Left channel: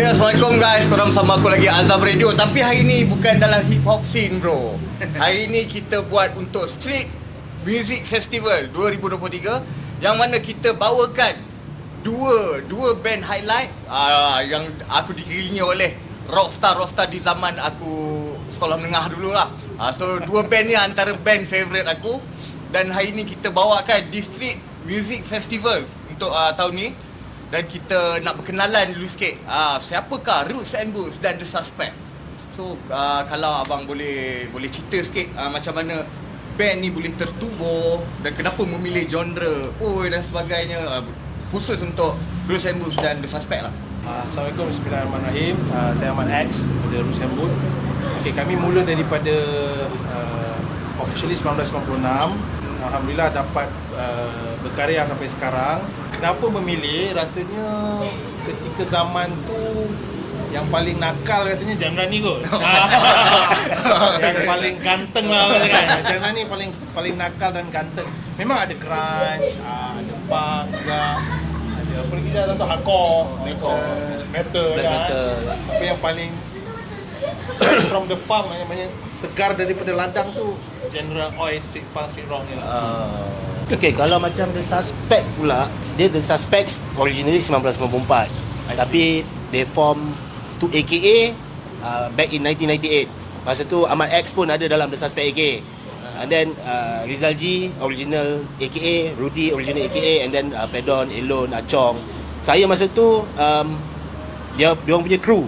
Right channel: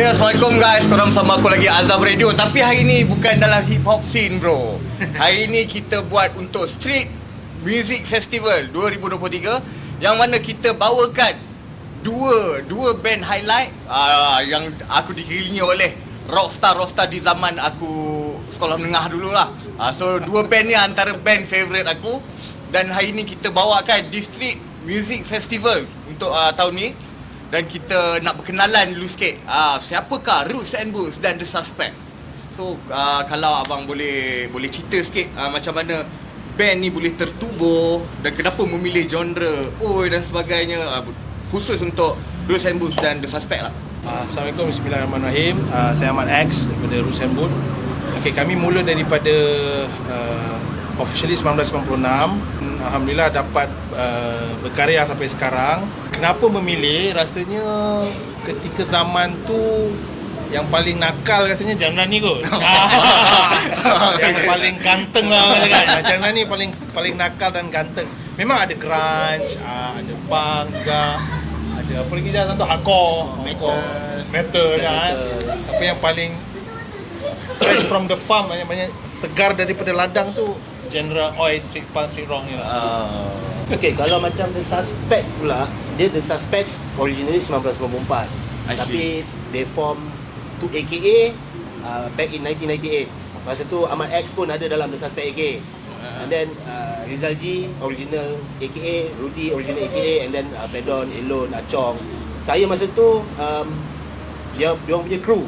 Ya, Assalamualaikum guys. Korang sama aku lagi Azam Radio. Tapi hari ni bukan dalam hip hop scene bro. Hari ni kita buat untuk Street Music Festival 2023, yang mana kita bawakan dua band highlight yang aku dikelilingi oleh rockstar di zaman aku sekolah menengah dulu lah. So dua band ni antara band favourite aku. Dan hari ni kita bawakan di Street Music Festival untuk tahun ni. Dan kita nak berkenalan dulu sikit. Siapakah Roots and Boots dan The Suspect? So kalau abang boleh cerita sikit macam mana band ni boleh tertubuh dan kenapa memilih genre dan sebagainya, khusus untuk Roots and Boots dan The Suspect lah. Assalamualaikum, Bismillahirrahmanirrahim. Saya Ahmad X dari Roots and Boots. Okay, kami mula daripada officially 1996. Alhamdulillah dapat berkarya sampai sekarang. Kenapa memilih? Rasanya ketika zaman tu yang paling nakal rasanya genre ni kot. Yang paling ganteng lah kan. Genre ni paling nakal dan ganteng. Memang ada grunge, ada punk juga. Ada apa lagi dah, contoh hardcore, metal kan. Tapi yang paling fresh from the farm, banyak segar daripada ladang tu genre oi, street punk, street rock ni. Okay, kalau macam The Suspect pula, dia The Suspects originally 1994. Tapi they form to AKA back in 1998. Masa tu Ahmad X pun ada dalam The Suspect AKA. And then Rizal G original AKA, Rudy original AKA, and then Pedon, Elon, Achong. Saya masa tu dia orang punya crew.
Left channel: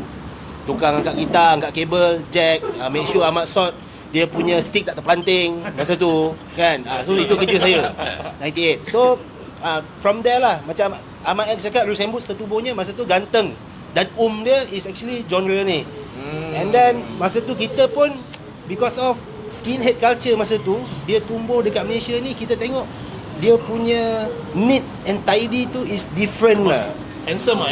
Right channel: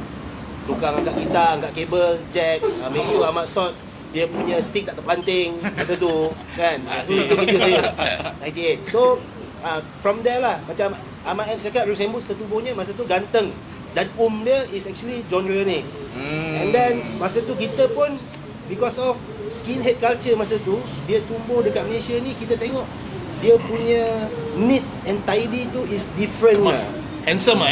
Tukang angkat gitar, angkat kabel, jack, make sure Ahmad Sot dia punya stick tak terpelanting masa tu kan. So itu kerja saya 98. So from there lah, macam Ahmad X cakap, Roots and Boots tertubuhnya masa tu ganteng. Dan dia is actually genre ni. And then masa tu kita pun because of skinhead culture masa tu, dia tumbuh dekat Malaysia ni, kita tengok dia punya neat and tidy tu is different lah. Handsome.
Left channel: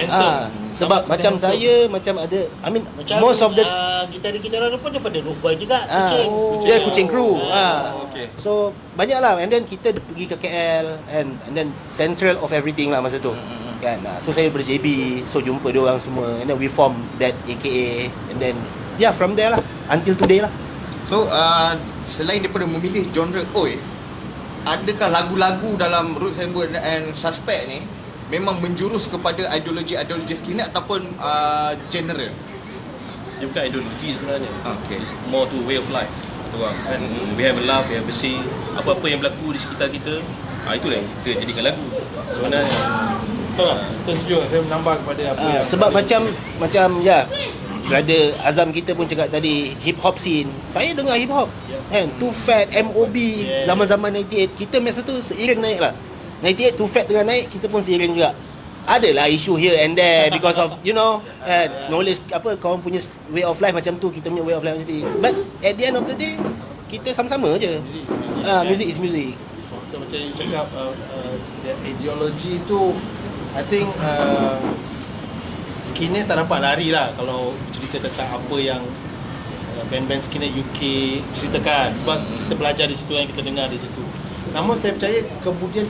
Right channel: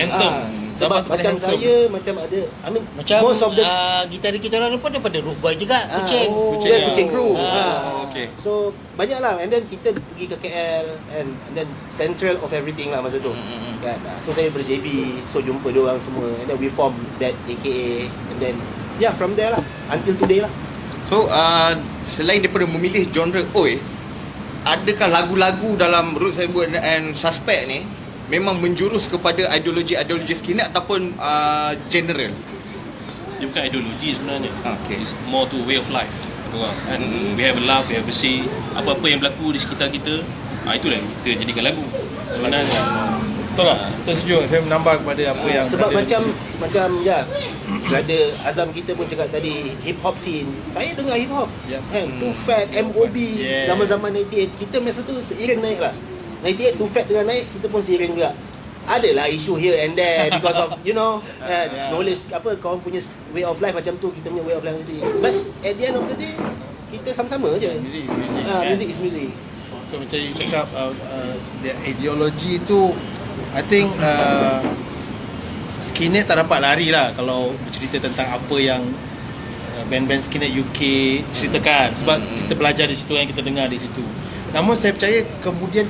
Sebab macam handsome. Saya macam ada, I mean macam most of the gitar-gitaran pun daripada Root Boy juga, Kucing Crew. Okay. So banyak lah. And then kita pergi ke KL and then central of everything lah masa tu. Kan. So saya ber-JB, so jumpa dia orang semua, and then we form that AKA, and then from there lah until today lah. So selain daripada memilih genre oi, adakah lagu-lagu dalam Roots and Boots and Suspect ni memang menjurus kepada ideologi skinhead ataupun general? Dia bukan ideologi sebenarnya. Okay. It's more to way of life. Kata orang kan, we have a laugh, we have a say. Apa-apa yang berlaku di sekitar kita, itulah yang kita jadikan lagu sebenarnya. Betul tak? Saya setuju. Saya menambah kepada apa yang sebab macam brother Azam kita pun cakap tadi, hip hop scene. Saya dengar hip hop. Kan, Too Fat, MOB, zaman-zaman 98 kita masa tu seiring naik lah. 98 Too Fat tengah naik, kita pun seiring juga. Adalah isu here and there because of knowledge, korang punya way of life macam tu, kita punya way of life macam tu. But at the end of the day, kita sama-sama je. Music is music. So macam you cakap, ideologi tu, I think skinhead tak dapat lari lah kalau bercerita tentang apa yang band-band skinhead UK ceritakan. Sebab kita belajar di situ, yang kita dengar di situ. Namun saya percaya kemudian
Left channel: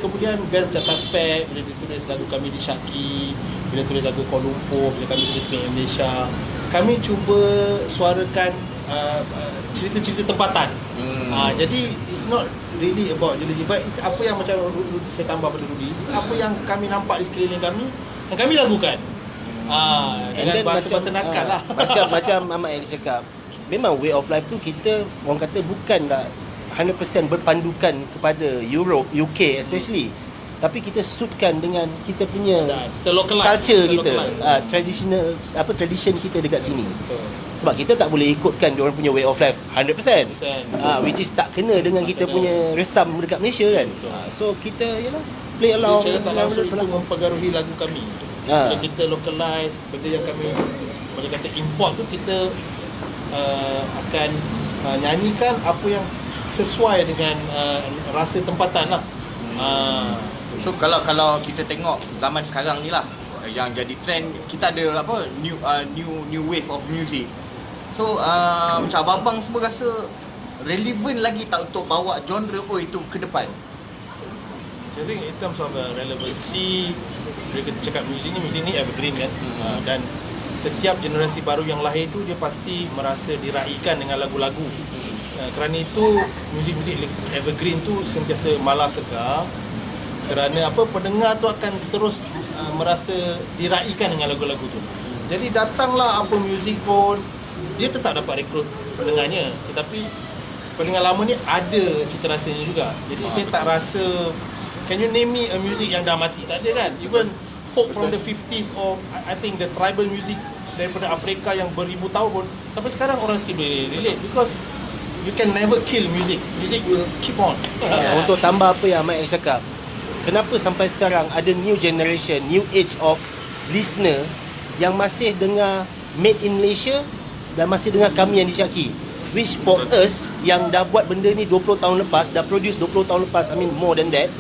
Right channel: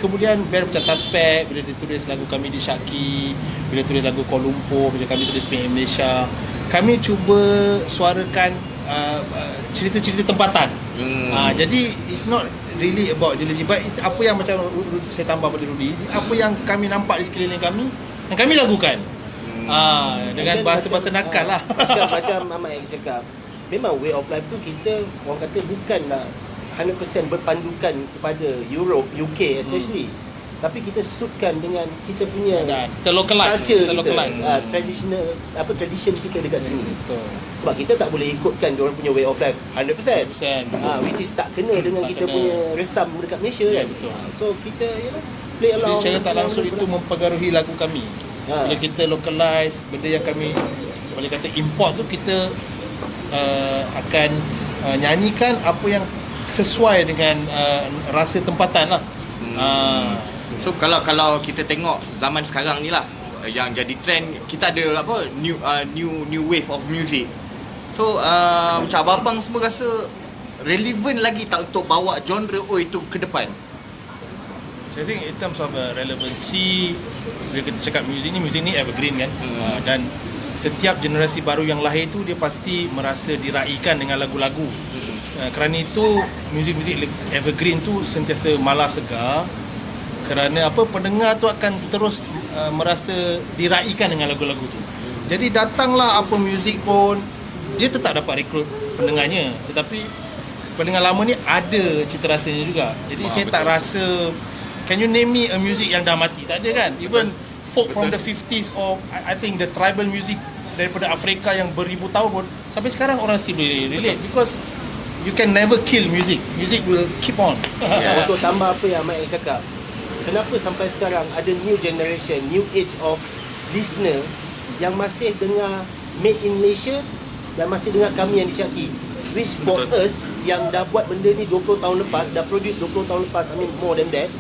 band macam Suspect, bila dia tulis lagu kami di Syakib, bila tulis lagu Kuala Lumpur, bila kami tulis Made in Malaysia, kami cuba suarakan cerita-cerita tempatan. Jadi it's not really about ideology, but it's apa yang macam saya tambah pada Rudy, apa yang kami nampak di sekeliling kami, yang kami lakukan. Dengan bahasa-bahasa nakal lah. Macam Ahmad yang cakap, memang way of life tu kita orang kata bukanlah 100% berpandukan kepada Europe, UK especially. Tapi kita suitkan dengan kita punya culture kita, tradition kita dekat sini. Sebab kita tak boleh ikutkan dia orang punya way of life 100%. Which is tak kena dengan kita punya resam dekat Malaysia kan. So kita play along. Secara tak langsung itu mempengaruhi lagu kami. Bila kita localize, benda yang kami boleh kata import tu, kita akan nyanyikan apa yang sesuai dengan rasa tempatan lah. So kalau kita tengok zaman sekarang ni lah, yang jadi trend, kita ada new wave of music. So macam abang-abang semua rasa relevan lagi tak untuk bawa genre itu ke depan? Saya think in terms of relevancy, bila kita cakap muzik ni evergreen kan. Dan setiap generasi baru yang lahir tu dia pasti merasa diraikan dengan lagu-lagu. Kerana itu muzik-muzik evergreen tu sentiasa malas segar. Kerana pendengar tu akan terus merasa diraikan dengan lagu-lagu tu. Jadi datanglah apa muzik pun dia tetap dapat rekrut pendengarnya, tetapi pendengar lama ni ada cita rasanya juga. Jadi saya tak rasa, can you name me a music yang dah mati? Tak ada kan? Even folk from the 50s or I think the tribal music daripada Afrika yang beribu tahun pun sampai sekarang orang still relate, because you can never kill music. Music will keep on. Untuk tambah apa yang Mike cakap, kenapa sampai sekarang ada new generation, new age of listener yang masih dengar Made in Malaysia dan masih dengar kami yang di Syaki. Which for us yang dah buat benda ni 20 tahun lepas, dah produce 20 tahun lepas, I mean more than that,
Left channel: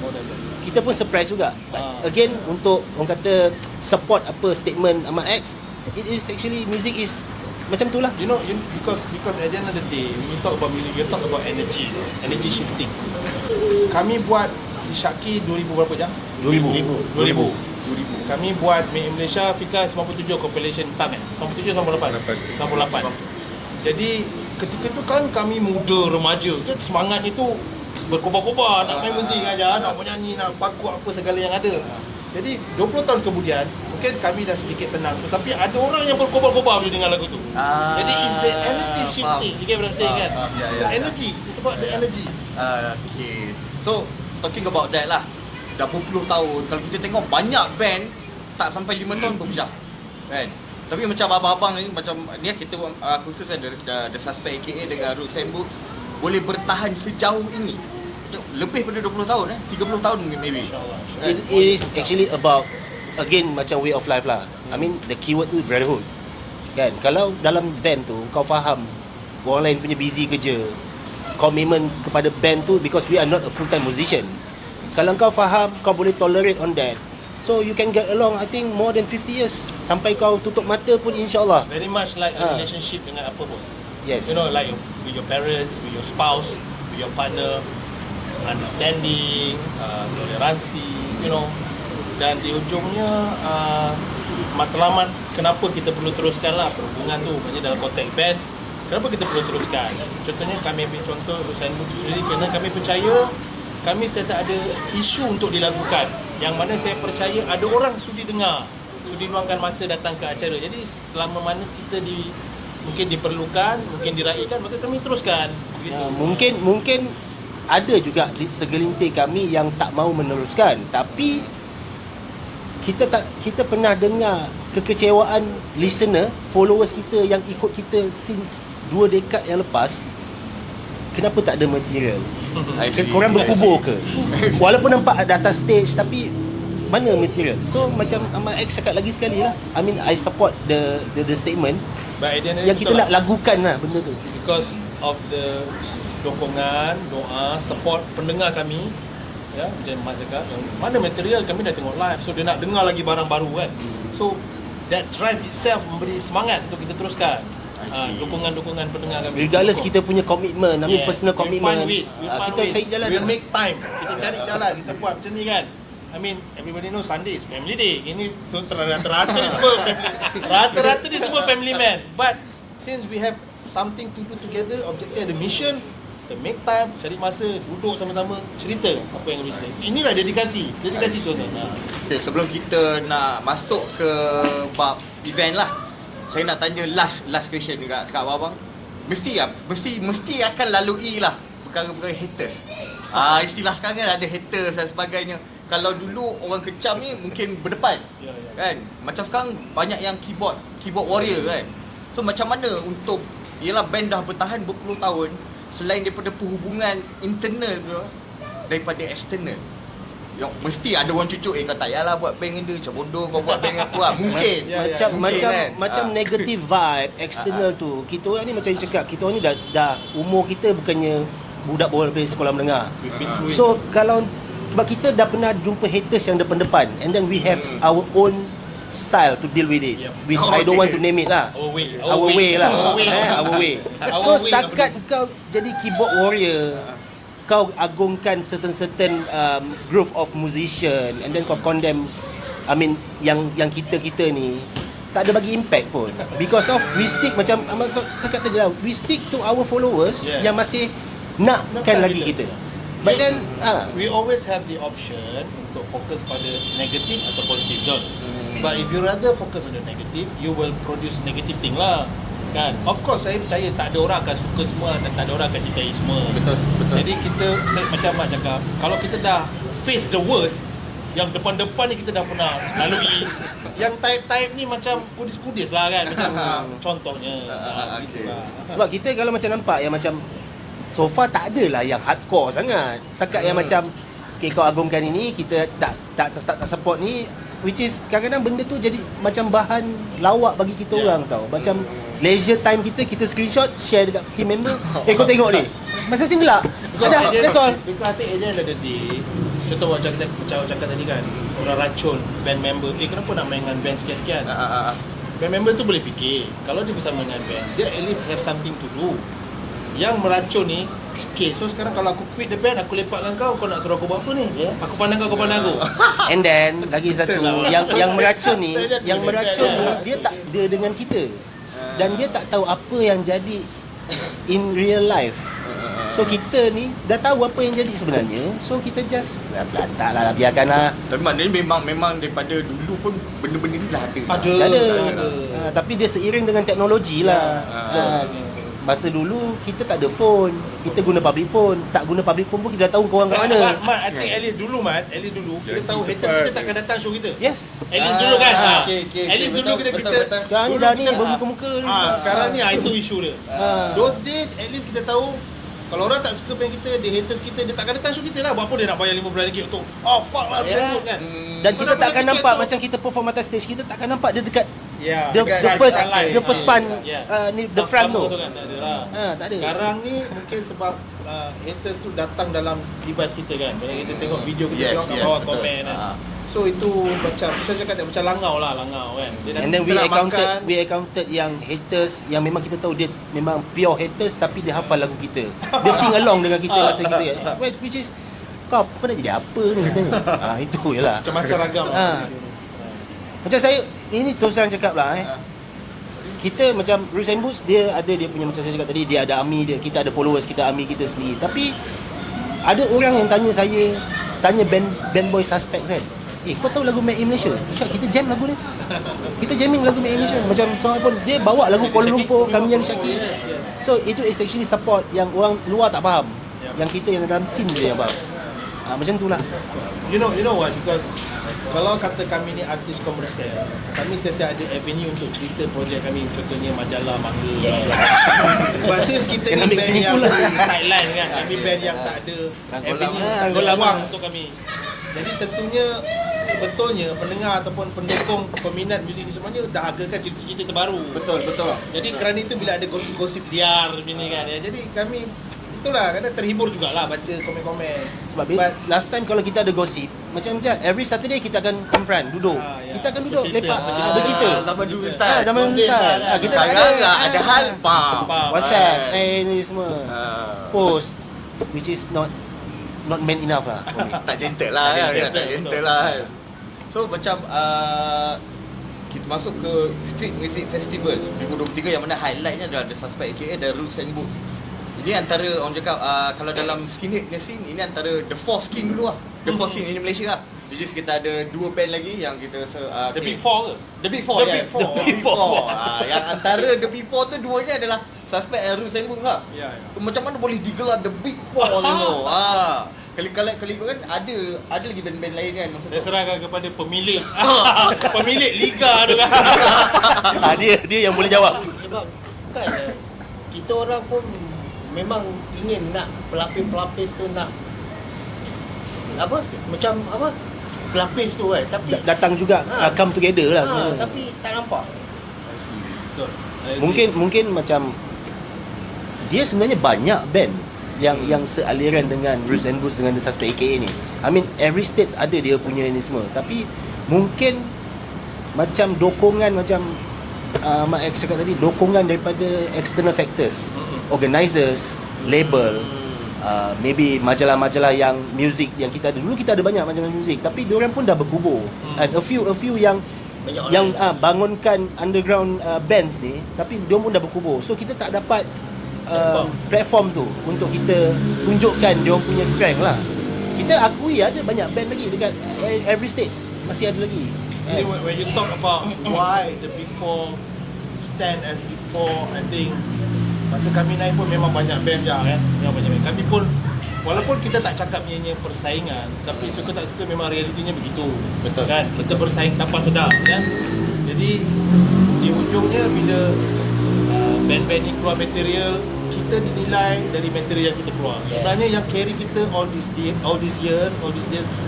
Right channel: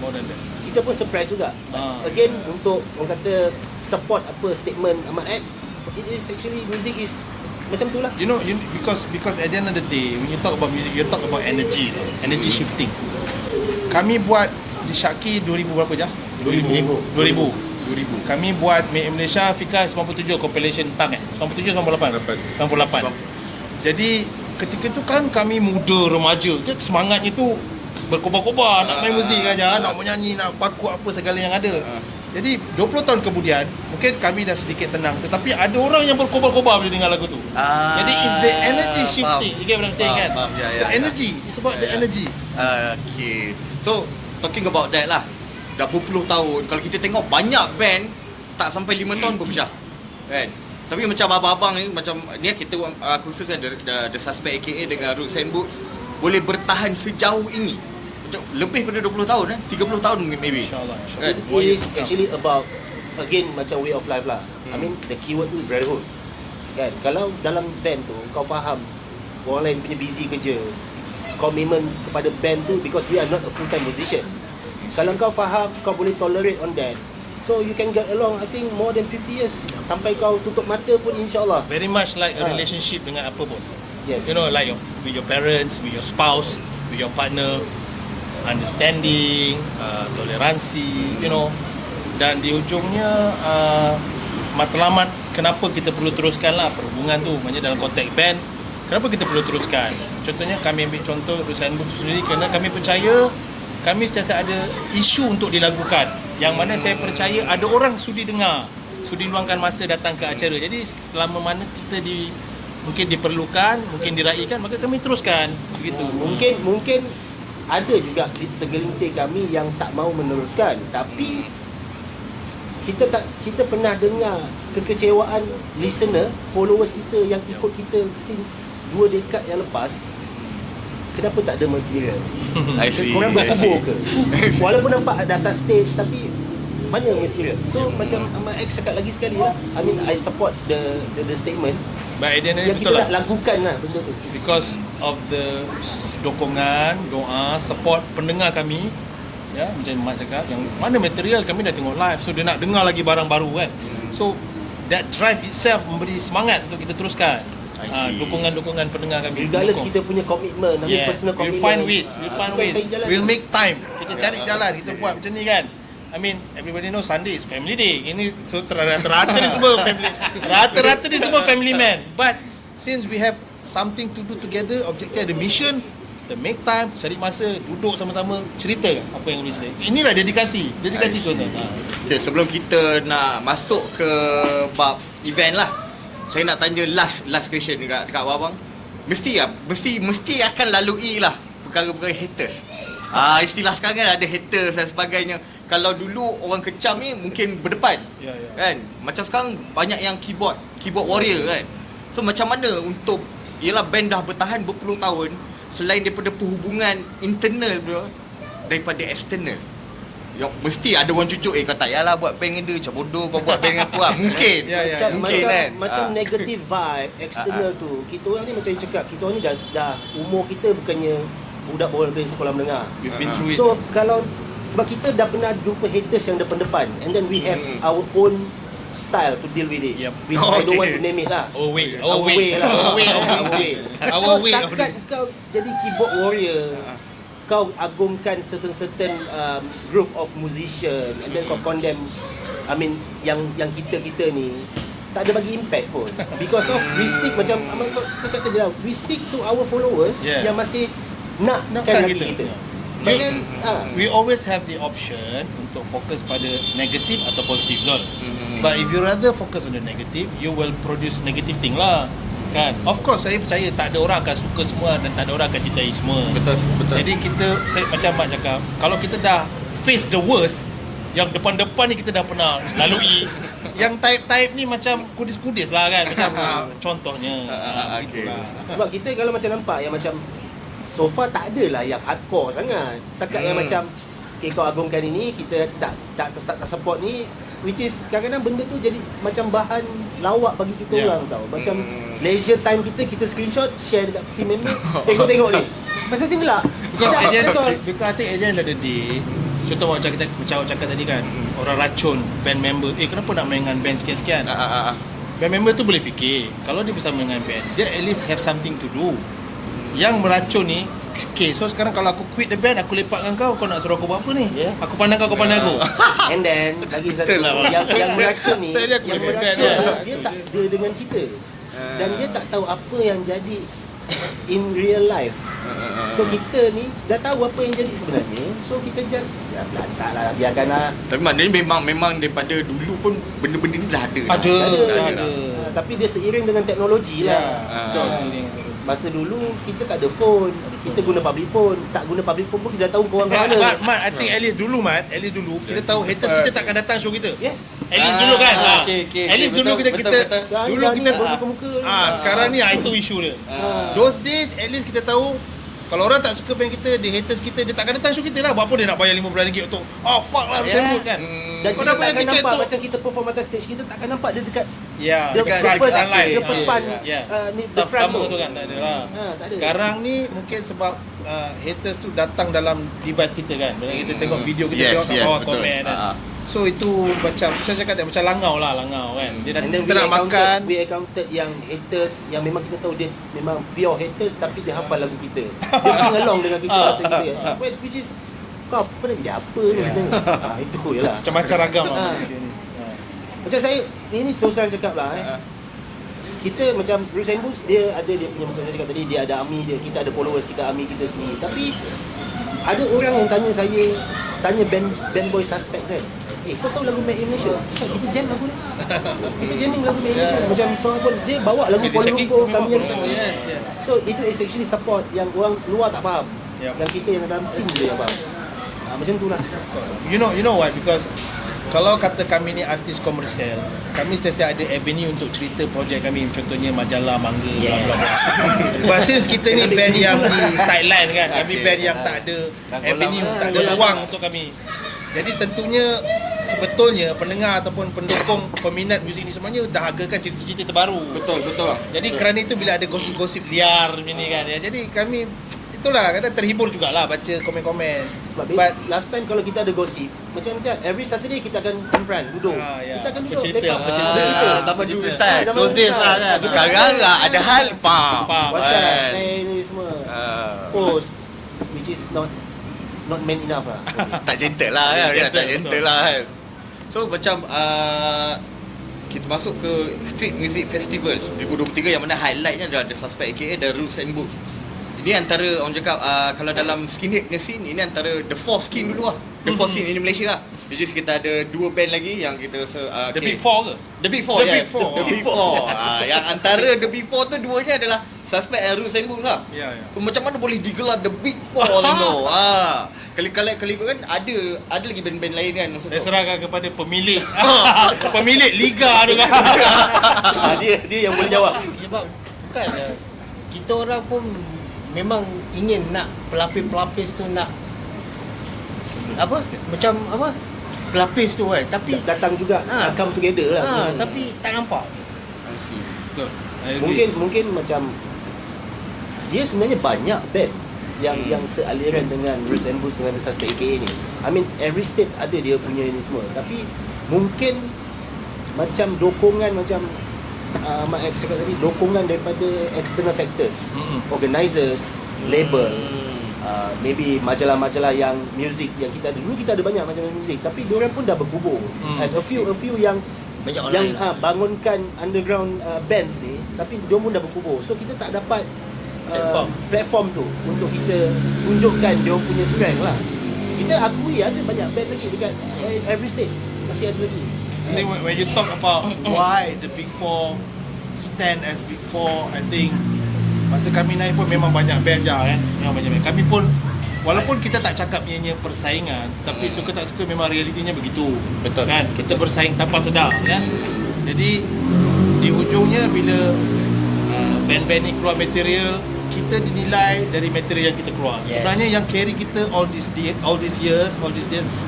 kita pun surprise juga. But again, untuk orang kata support apa statement Ahmad X, it is actually, music is macam tu lah. You know, because at the end of the day, when you talk about music, you talk about energy shifting. Kami buat di Syaki 2000 berapa jam? 2000. Kami buat Made in Malaysia Fika 97 compilation tang 97 98. Jadi ketika itu kan kami muda remaja, semangatnya tu berkobar-kobar nak main muzik aja, nak menyanyi, nak paku apa segala yang ada. Jadi 20 tahun kemudian mungkin kami dah sedikit tenang, tetapi ada orang yang berkobar-kobar bila dengar lagu tu. Jadi it's the energy shifting. You get what I'm saying kan? So energy, it's about the energy. Okay. So talking about that lah, dah berpuluh tahun, kalau kita tengok banyak band tak sampai 5 tahun pun pecah kan. Tapi macam abang-abang ni, macam ni kita khususnya The Suspect aka dengan Roots and Boots boleh bertahan sejauh ini, macam lebih pada 20 tahun 30 tahun maybe. InsyaAllah. It is actually about, again, macam way of life lah. I mean, the keyword tu brotherhood kan. Kalau dalam band tu kau faham orang lain punya busy kerja, commitment kepada band tu, because we are not a full time musician. Kalau kau faham, kau boleh tolerate on that, so you can get along, I think more than 50 years. Sampai kau tutup mata pun insyaAllah. Very much like a relationship dengan apa pun. Yes. You know, like with your parents, with your spouse, with your partner, understanding, toleransi, you know. Dan di ujungnya matlamat kenapa kita perlu teruskan lah perhubungan tu, macam dalam konteks band, kenapa kita perlu teruskan. Contohnya kami ambil contoh Usain Mutu sendiri, kerana kami percaya kami sentiasa ada isu untuk dilakukan, yang mana saya percaya ada orang sudi dengar, sudi luangkan masa datang ke acara. Jadi selama mana kita mungkin diperlukan, mungkin diraikan, maka kami teruskan begitu. Mungkin ada juga di segelintir kami yang tak mahu meneruskan, tapi kita pernah dengar kekecewaan listener, followers kita yang ikut kita since 2 dekad yang lepas. Kenapa tak ada material? Korang berkubur ke? Walaupun nampak ada atas stage, tapi mana material? So macam Ahmad X cakap lagi sekali lah, I mean, I support the statement yang kita nak lakukan lah benda tu, because of the dokongan, doa, support pendengar kami. Ya, macam Mak cakap, yang mana material kami dah tengok live, so dia nak dengar lagi barang baru kan. So that drive itself memberi semangat untuk kita teruskan. Dukungan-dukungan pendengar kami. Regardless kita punya komitmen, personal we'll commitment. find ways. We'll make time. Kita cari jalan, kita buat macam ni kan. I mean, everybody know Sunday is family day. Ini so rata-rata ni semua family. Rata-rata ni semua family man. But since we have something to do together, objektif ada mission, kita make time, cari masa, duduk sama-sama, cerita apa yang kami cerita. Inilah dedikasi tu kan. Okay, sebelum kita nak masuk ke bab event lah, saya nak tanya last question dekat abang. Mesti akan lalui lah perkara-perkara haters. Istilah sekarang ada haters dan sebagainya. Kalau dulu orang kecam ni mungkin berdepan. Kan? Macam sekarang banyak yang keyboard warrior kan. So macam mana untuk, yelah band dah bertahan berpuluh tahun, selain daripada perhubungan internal tu, daripada external. Ya, mesti ada orang cucuk, kau tak payahlah buat band dengan dia, macam bodoh kau buat band dengan aku lah. Mungkin. Macam negative vibe external tu. Kita orang ni macam cakap, kita orang ni dah umur kita bukannya budak baru dari sekolah menengah. So kalau sebab kita dah pernah jumpa haters yang depan-depan, and then we have our own style to deal with it, which I don't want to name it lah. Our way lah. So setakat kau jadi keyboard warrior, kau agungkan certain group of musician, and then kau condemn, I mean, yang kita ni, tak ada bagi impact pun. Because of we stick macam Amal cakap tadi lah, we stick to our followers yang masih nakkan lagi kita. But then we always have the option untuk fokus pada negatif atau positif betul. But if you rather focus on the negative, you will produce negative thing lah. Kan? Of course saya percaya tak ada orang akan suka semua dan tak ada orang akan cintai semua. Betul. Jadi kita macam Mak cakap, kalau kita dah face the worst, yang depan-depan ni kita dah pernah lalui. Yang type-type ni macam kudis-kudis lah kan. Macam contohnya. Itulah. Sebab kita kalau macam nampak yang macam so far tak adalah yang hardcore sangat. Setakat yang macam kau agungkan ini, kita tak support ni, which is kadang-kadang benda tu jadi macam bahan lawak bagi kita orang tau. Macam leisure time kita screenshot, share dekat team member, kau tengok ni. Masing-masing gelak. That's all. Because I think at the end of the day, contoh macam kita cakap tadi kan, orang racun band member, kenapa nak main dengan band sekian-sekian? Band member tu boleh fikir, kalau dia bisa main dengan band, dia at least have something to do. Yang meracun ni, okay, so sekarang kalau aku quit the band, aku lepak dengan kau nak suruh aku buat apa ni? Aku pandang kau pandang aku. And then lagi satu yang meracun ni, dia tak ada dengan kita. Dan dia tak tahu apa yang jadi in real life. So kita ni dah tahu apa yang jadi sebenarnya. So kita just taklah biarkanlah. Maknanya memang daripada dulu pun benda-benda ni dah ada. Ada. Tapi dia seiring dengan teknologi lah. Masa dulu kita tak ada phone, kita guna public phone. Tak guna public phone pun kita dah tahu korang kat mana. Mat, I think at least dulu kita tahu haters kita takkan datang show kita. Yes. At least dulu kan. Okay. At least dulu kita Sekarang ni dah ni bermuka-muka. Sekarang ni itu isu dia. Those days at least kita tahu kalau orang tak suka band kita, dia haters kita, dia takkan datang show kita lah. Buat apa dia nak bayar RM15 untuk fuck lah saya kan. Dan kita takkan nampak macam kita perform atas stage, kita takkan nampak dia dekat the first pan ni the front tu kan tak ada lah. Tak ada. Sekarang ni mungkin sebab haters tu datang dalam device kita kan. Bila kita tengok video kita tengok kat bawah komen kan. So itu macam saya cakap dia macam langau kan. Dia nanti kita nak makan. We accounted yang haters yang memang kita tahu dia memang pure haters tapi dia hafal lagu kita. Dia sing along dengan kita masa kita. Which is kau nak jadi apa ni? Itu je lah. Macam-macam ragam lah. Macam saya ini terus terang cakap lah kita macam Bruce and Boots, dia ada dia punya, macam saya cakap tadi, dia ada army dia, kita ada followers, kita army kita sendiri. Tapi ada orang yang tanya band boy Suspect kan, kau tahu lagu Made in Malaysia? Kita jam lagu tu. Kita jamming lagu Made in Malaysia. Macam seorang pun dia bawa lagu Kuala Lumpur, kami yang sakit. So itu is actually support yang orang luar tak faham. Yang kita yang dalam scene dia faham. Macam tu lah. You know what? Because kalau kata kami ni artis komersial, kami sentiasa ada avenue untuk cerita projek kami. Contohnya majalah, mangga, but since kita ni band yang sideline kan, kami band yang tak ada avenue, tak ada ruang untuk kami. Jadi tentunya sebetulnya pendengar ataupun pendukung peminat muzik ni semuanya dahagakan cerita-cerita terbaru. Betul. Jadi kerana itu bila ada gosip-gosip liar ni kan, jadi kami itulah kadang terhibur jugalah baca komen-komen. Sebab last time kalau kita ada gosip, macam every Saturday kita akan confront, duduk. Kita akan duduk lepak bercerita. Zaman dulu style. Zaman dulu style. Sekarang ada hal WhatsApp, ni semua. Post which is not man enough lah. Tak gentle lah kan. Tak gentle lah kan. So macam kita masuk ke Street Music Festival 2023 yang mana highlightnya adalah The Suspect aka The Rules and Books. Ini antara orang cakap kalau dalam skinhead punya scene, ini antara the four skin dulu lah. The four skin ini Malaysia lah. Which is kita ada dua band lagi yang kita The Big Four ke? The Big Four. Yang antara The Big Four tu duanya adalah Suspect and Rules and Books lah. So macam mana boleh digelar The Big Four tu? Kali kan ada lagi band-band lain kan. Saya serahkan kepada pemilik pemilik liga tu kan. Dia yang boleh jawab. Sebab bukan kita orang pun memang ingin nak pelapis-pelapis tu nak pelapis tu kan, tapi datang juga come together lah. tapi tak nampak. Mungkin macam dia sebenarnya banyak band yang sealiran dengan Bruce and Boots dengan The Suspect AKA ni. I mean every state ada dia punya ini semua. Tapi mungkin macam dokongan macam Mak X cakap tadi, dokongan daripada external factors, organisers, label, maybe majalah-majalah yang music yang kita ada. Dulu kita ada banyak macam music, tapi diorang pun dah bergubur. A few yang Banyak orang yang lah. bangunkan underground bands ni, tapi dia pun dah berkubur. So kita tak dapat platform tu untuk kita tunjukkan dia punya strength lah. Kita akui ada banyak band lagi dekat every stage, masih ada lagi. Jadi when you talk about why the Big Four stand as Big Four, I think masa kami naik pun memang banyak band je kan. Memang banyak band. Kami pun walaupun kita tak cakap ianya persaingan, tapi suka tak suka memang realitinya begitu. Betul. Kan? Kita bersaing tanpa sedar kan. Jadi di hujungnya bila band-band ni keluar material, kita dinilai dari material yang kita keluar. Yes. Sebenarnya yang carry kita all these years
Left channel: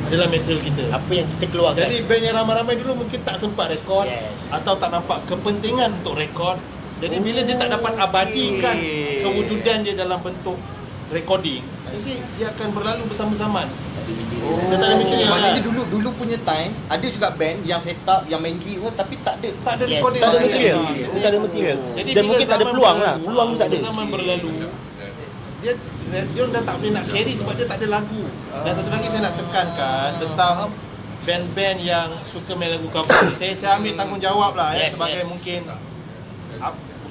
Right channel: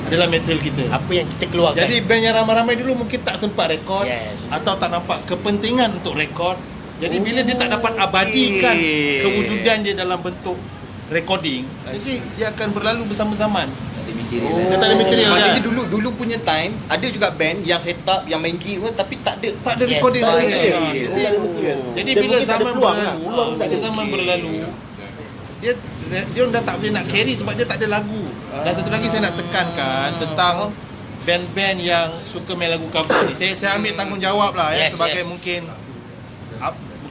adalah material kita. Apa yang kita keluarkan. Jadi band yang ramai-ramai dulu mungkin tak sempat rekod, Yes. atau tak nampak kepentingan untuk rekod. Jadi bila dia tak dapat abadikan kewujudan dia dalam bentuk recording, jadi dia akan berlalu bersama-zaman. Dia tak ada material Maknanya kan? dulu punya time ada juga band yang set up, yang main gig pun tapi tak ada. Tak ada Yes, recording. Tak ada lah. material. Ya. Tak ada material. Jadi Dan bila mungkin tak ada zaman peluang lah. berlalu, Peluang tak ada. bila zaman berlalu, dia dah tak boleh nak carry sebab dia tak ada lagu. Dan satu lagi saya nak tekankan tentang band-band yang suka main lagu cover ni. Saya ambil tanggungjawab lah Yes, sebagai yes. mungkin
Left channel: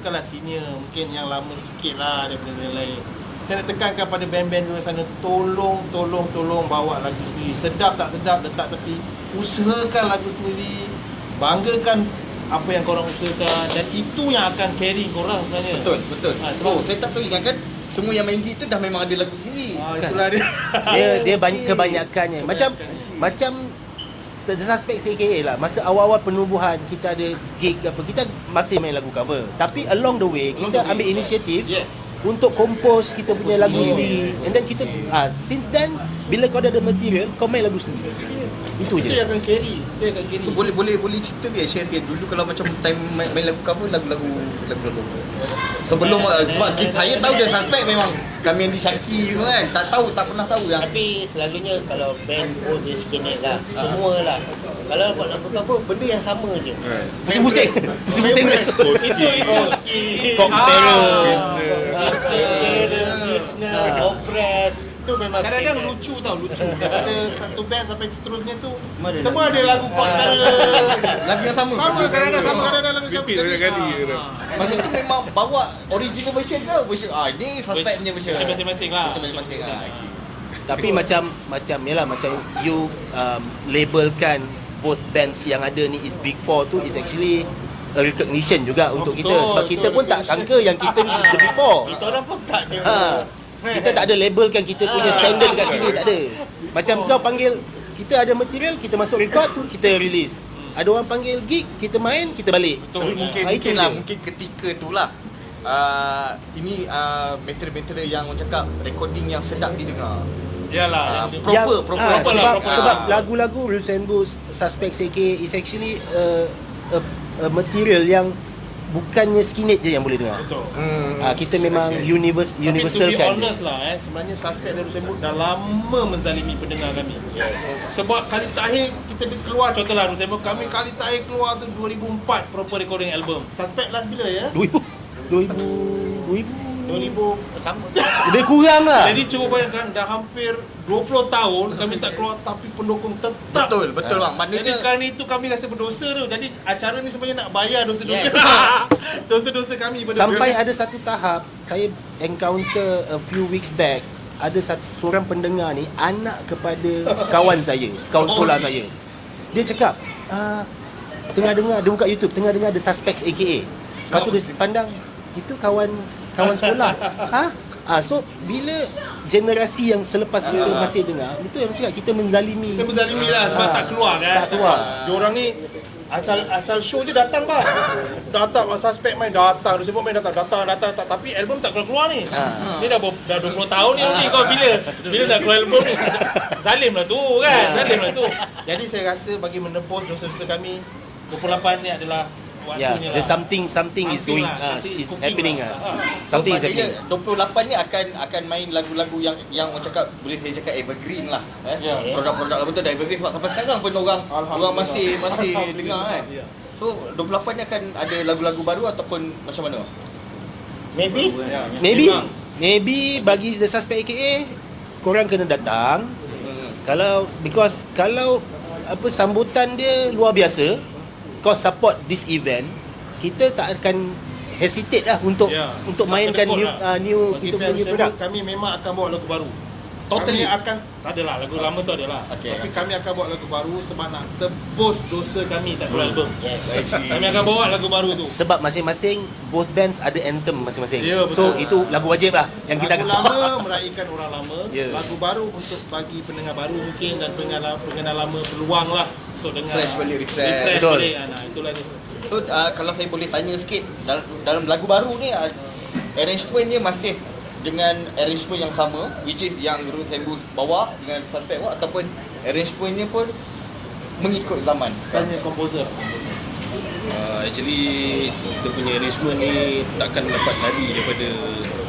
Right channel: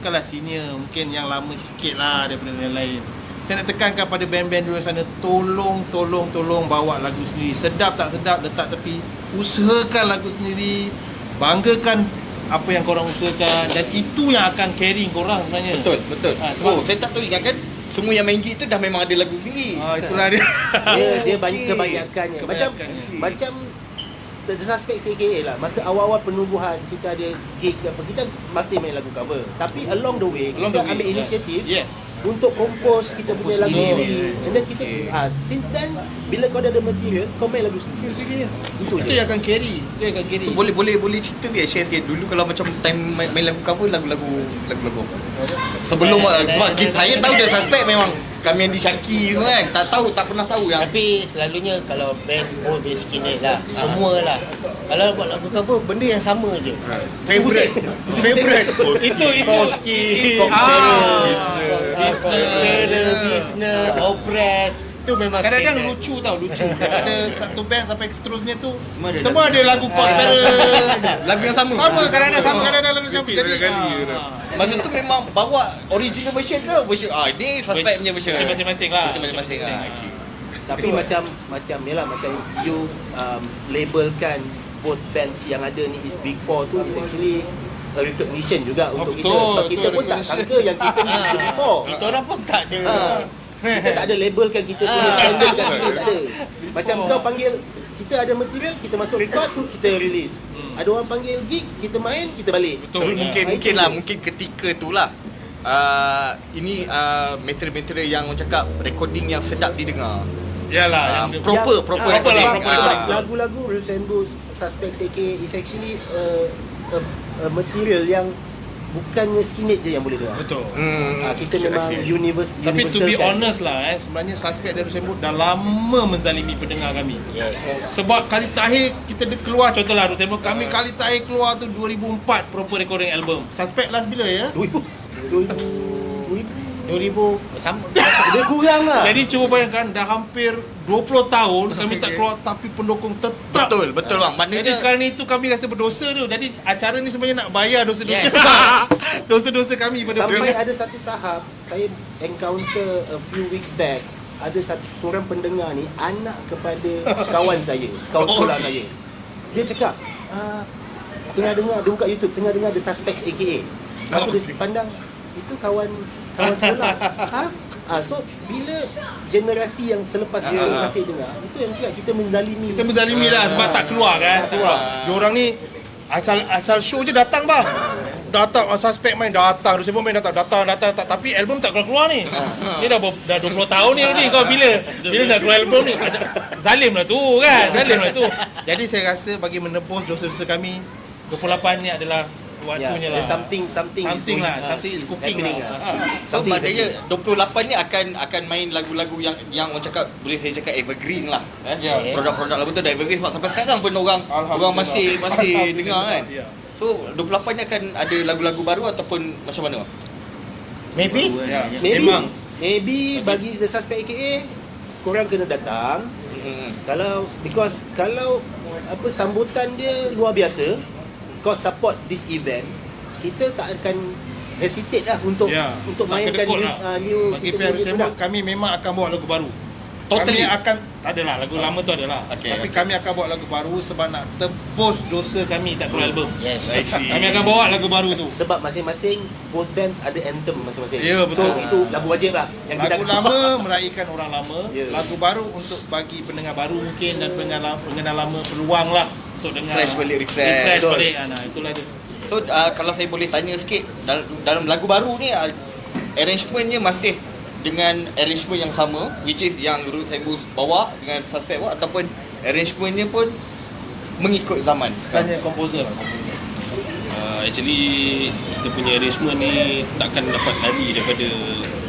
bukanlah senior, mungkin yang lama sikit lah daripada yang lain. Saya nak tekankan pada band-band di luar sana, tolong bawa lagu sendiri. Sedap tak sedap, letak tepi. Usahakan lagu sendiri, banggakan apa yang korang usahakan, dan itu yang akan carry korang sebenarnya. Betul. Sebab Saya tak tahu kan semua yang main gig tu dah memang ada lagu sendiri. itulah dia. Dia banyak kebanyakannya. Macam The Suspects AKA lah. Masa awal-awal penubuhan kita ada gig apa, kita masih main lagu cover. Tapi along the way kita ambil inisiatif Yes. untuk compose kita punya lagu sendiri. And then kita since then bila kau dah ada material, kau main lagu sendiri. Itu Itu je. yang akan carry. Itu yang akan carry. So, boleh cerita dia share sikit dulu kalau macam time main lagu cover lagu-lagu sebelum sebab saya tahu The Suspect memang kami yang disyaki tu kan, tak pernah tahu yang Tapi selalunya kalau band pun dia skinhead lah. Semua lah. Kalau buat lagu cover, benda yang sama je. Pusing-pusing. Favorite. Itu Business, Oppress. Itu memang kadang-kadang skinhead. lucu tau, lucu. Daripada satu band sampai seterusnya tu semua ada lagu Cosmere. lagu yang sama. Sama kadang-kadang lagu macam tadi. Masa tu memang bawa original version ke version ini Suspect punya version. Masing-masing lah. Masing-masing lah. Tapi macam yalah macam you labelkan both bands yang ada ni is Big Four tu is actually a recognition juga untuk kita, betul, sebab kita pun tak sangka yang kita ni the Big Four. Kita orang pun tak ada. Kita tak ada labelkan kita punya standard kat sini, tak ada. Macam kau panggil kita ada material, kita masuk record, kita release. Ada orang panggil gig, kita main, kita balik. Tapi mungkin ketika itulah ini material-material yang orang cakap recording yang sedap didengar. Yalah, yang Proper lah. Sebab lagu-lagu Bruce and Bruce, Suspects AK is actually a material yang bukannya skinhead je yang boleh dengar. betul. Kita memang Tapi to universal be kan. honest lah, sebenarnya Suspect dan Rusembut dah lama menzalimi pendengar kami. Sebab kali terakhir kita keluar, contohlah Rusembut, kami kali terakhir keluar tu 2004 proper recording album. Suspect last bila ya? 2000 sama. Dia kurang lah. Jadi cuba bayangkan dah hampir 20 tahun kami tak keluar, tapi pendukung tetap. Betul bang. Jadi Maknanya kali itu kami rasa berdosa tu. Jadi acara ni sebenarnya nak bayar dosa-dosa. Dosa-dosa kami pada Sampai ada satu tahap saya encounter a few weeks back, ada seorang pendengar ni anak kepada kawan saya, kawan sekolah saya. Dia cakap, tengah dengar, dia buka YouTube, tengah dengar The Suspects AKA. Lepas tu dia pandang, itu kawan sekolah. So bila generasi yang selepas kita masih dengar, itu yang cakap kita menzalimi. kita berzalimi lah sebab tak keluar kan. Tak keluar. Diorang ni asal show je datang bang. Datang Suspect main datang, Rusembut main datang. Tapi album tak keluar ni. Ni dah 20 tahun ni kau bila dah keluar album ni. Zalim lah tu kan. Jadi saya rasa bagi menebus dosa-dosa kami, 28 ni adalah waktunya lah. Something is going, something is is cooking happening lah. So Something is maknanya happening. 28 ni akan main lagu-lagu yang orang cakap, boleh saya cakap evergreen lah kan. Ya. Produk-produk lagu tu dah evergreen sebab sampai sekarang pun orang masih dengar kan. Ya. So 28 ni akan ada lagu-lagu baru ataupun macam mana? Maybe. Memang. Maybe bagi The Suspect AKA korang kena datang. Kalau sambutan dia luar biasa, kau support this event, kita tak akan hesitate lah untuk mainkan new Nanti untuk Rusembud product. kami memang akan bawa lagu baru. Totally. Kami akan adalah lagu lama tu adalah. Okay. Tapi kami akan bawa lagu baru sebab nak tebus dosa kami tak keluar album. Yes. I see. Kami akan bawa lagu baru tu. Sebab masing-masing both bands ada anthem masing-masing. Ya, So betul. itu lagu wajib lah yang kita Lagu akan lama meraihkan orang lama, Ya. lagu baru untuk bagi pendengar baru mungkin dan pendengar lama peluang lah untuk dengar. Refresh balik, refresh. Refresh Betul. balik. Nah, itulah dia. So kalau saya boleh tanya sikit, dalam lagu baru ni arrangementnya masih dengan arrangement yang sama, which is yang Rusembud bawa dengan Suspect bawa, ataupun arrangementnya pun mengikut zaman? Tanya komposer. Actually kita punya arrangement ni takkan dapat lari daripada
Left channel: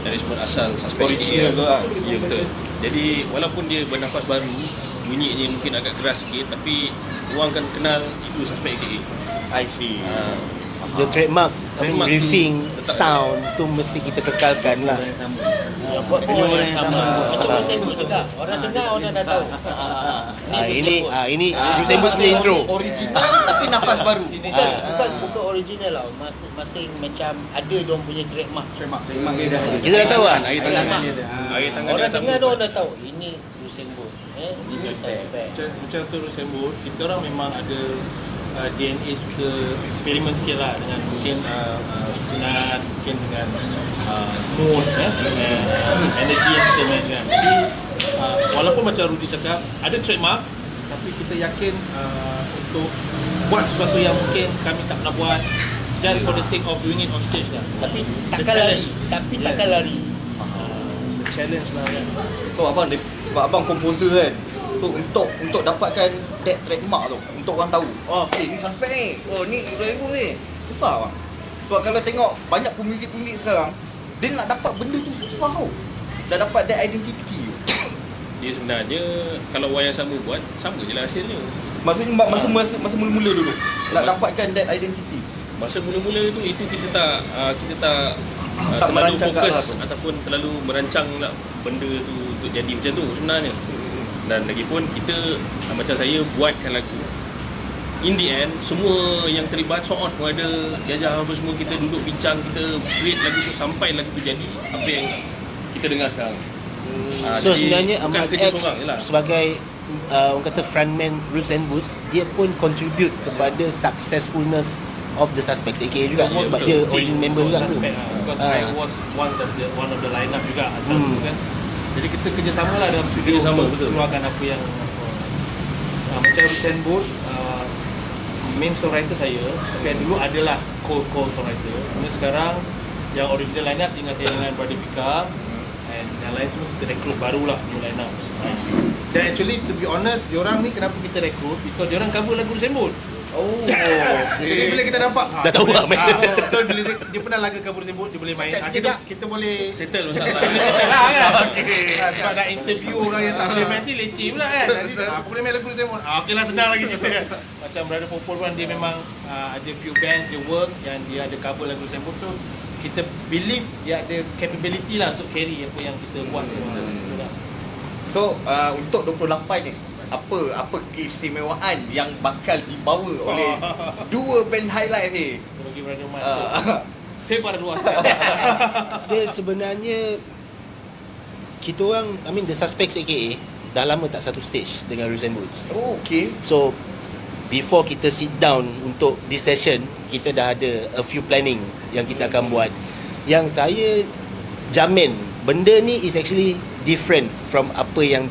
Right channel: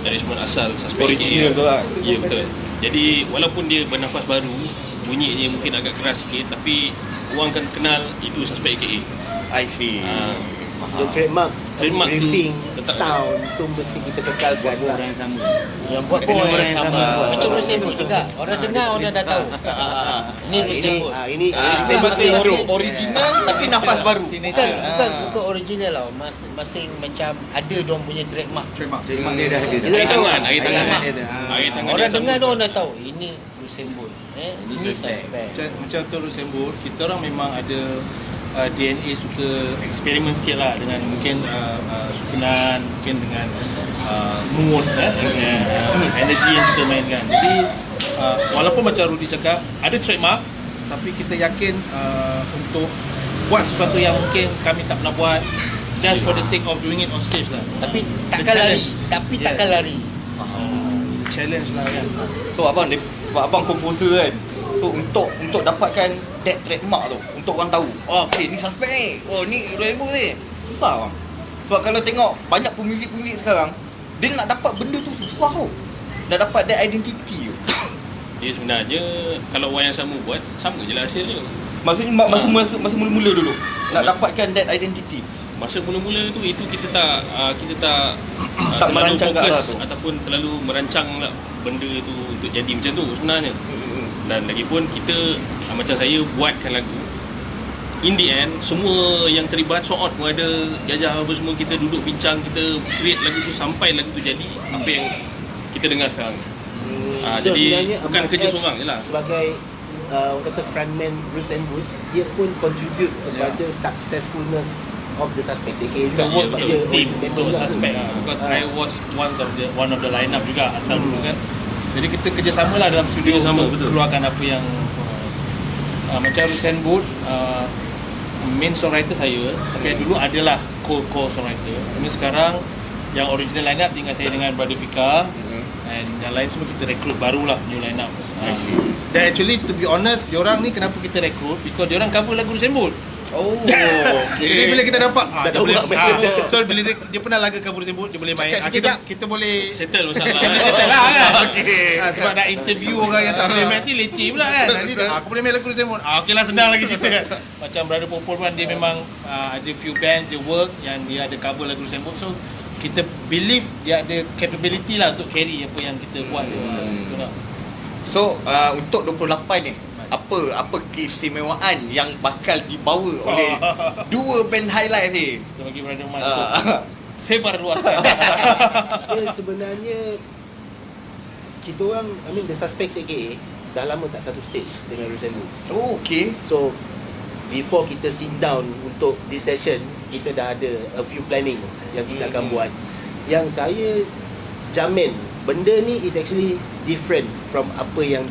arrangement asal Suspect Original AKA. tu lah. Ya, betul. Jadi walaupun dia bernafas baru, bunyinya mungkin agak keras sikit, tapi orang akan kenal itu Suspect AKA. I see. yang trademark Trademark tu briefing letak sound tu mesti kita kekalkan lah. Buat pun yang sama. Itu Rusembud juga. Orang dengar orang dah tahu. Ini Rusembud. Ini Saya masih bro. original tapi nafas baru. Bukan original lah. Masih macam ada diorang punya trademark. Trademark dia dah ada. Air tangan, air tangan. Tangan. Air tangan Orang dia dengar sambung. diorang dah tahu. Ini Rusembud. Ini Suspect. Macam tu Rusembud, kita orang memang ada DNA suka eksperimen sikit lah dengan mungkin susunan, mungkin dengan mood dengan energy yang kita mainkan. Jadi walaupun macam Rudy cakap ada trademark, tapi kita yakin untuk buat sesuatu yang mungkin kami tak pernah buat just for the sake of doing it on stage lah. Tapi takkan lari. Tapi takkan lari. Challenge lah kan. So sebab abang komposer kan. So untuk dapatkan that trademark tu, untuk orang tahu, okay ni Suspect ni, ni Rusembud ni, susah bang. Sebab kalau tengok banyak pemuzik-pemuzik sekarang, dia nak dapat benda tu susah tau. Nak dapat that identity tu. Ya, sebenarnya kalau orang yang sama buat, sama je lah hasilnya. Maksudnya masa mula-mula dulu nak dapatkan that identity. Masa mula-mula itu kita tak Tak terlalu merancang ke fokus arah tu. ataupun terlalu merancang lah benda tu untuk jadi macam tu sebenarnya. Dan lagipun kita macam saya buatkan lagu, in the end semua yang terlibat sort out pun ada jajah apa semua, kita duduk bincang, kita create lagu tu sampai lagu tu jadi apa yang kita dengar sekarang. So Jadi sebenarnya bukan Ahmad kerja X seorang je lah. sebagai orang kata frontman Rusembud, dia pun contribute kepada successfulness of the Suspects AKA juga Work sebab to dia team original member untuk juga. Suspect lah. Because I was one of the lineup juga asal dulu kan. Jadi kita kerjasama lah dalam studio Kerjasama, untuk betul. keluarkan apa yang macam Rusembud, main songwriter saya dan dulu adalah co-songwriter. Cuma sekarang yang original lineup tinggal saya dengan Brother Fika and yang lain semua kita rekrut barulah new lineup. Dan actually to be honest, diorang ni kenapa kita rekrut? Because diorang cover lagu Rusembud. Oh. Jadi bila kita dapat Dah tahu boleh, nak main. so bila dia pernah lagu cover Rusembud, dia boleh main. Kita boleh Settle masalah. settle lah kan. Sebab dah interview orang yang tak boleh main, nanti leceh pula kan. Nanti aku boleh main lagu Rusembud. Okey lah, senang lagi cerita kan. Macam Brother Popol One, dia memang ada few band dia work yang dia ada cover lagu Rusembud. So kita believe dia ada capability lah untuk carry apa yang kita buat. So untuk 28 ni, apa keistimewaan yang bakal dibawa oleh dua band highlight ni? So bagi Brother Mas, sebar luaskan. Dia sebenarnya kita orang, the Suspects AKA dah lama tak satu stage dengan Rusembud. Oh, okay. So before kita sit down untuk this session, kita dah ada a few planning yang kita akan buat. Yang saya jamin benda ni is actually different from apa yang